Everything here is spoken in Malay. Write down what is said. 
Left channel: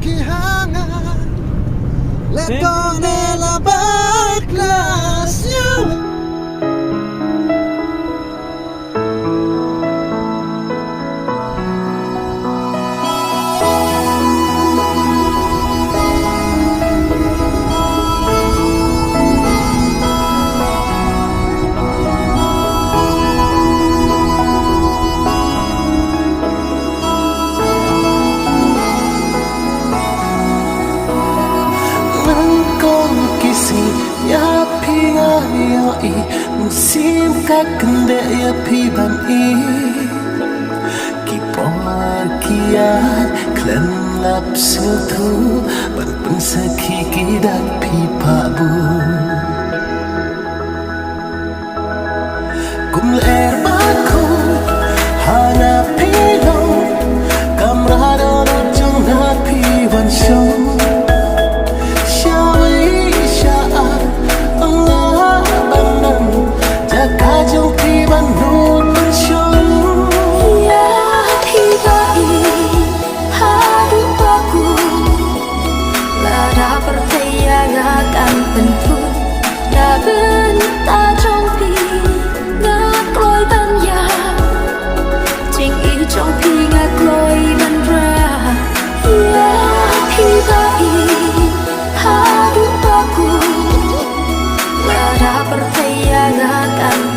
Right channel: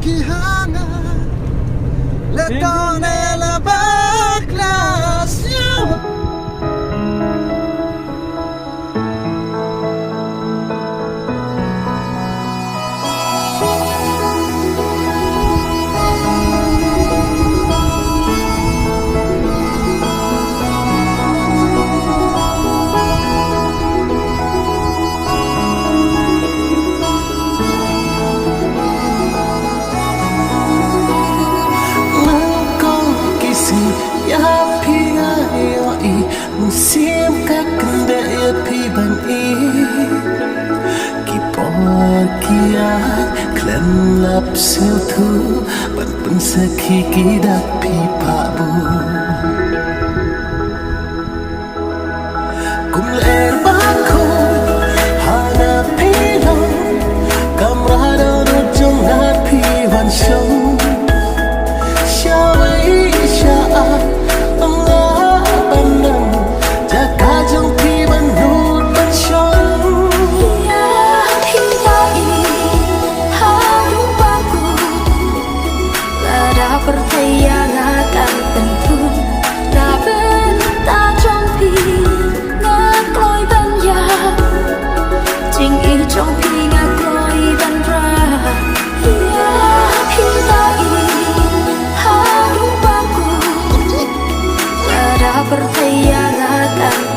qui hangat le ton et la backlash. Ya pinga yo I musim ka kende ya pi ban I ki por kiat klen lap sil tu ban pen sakhi ki dak pi pa bu kum ler ba ko hana pilo kamrado no jong na pi wan show percaya akan penpun đã bên ta trong phi ngạc lối ban ya trình ý trong phi ngạc lối ban ra ya phi ta in hadu baku đã percaya akan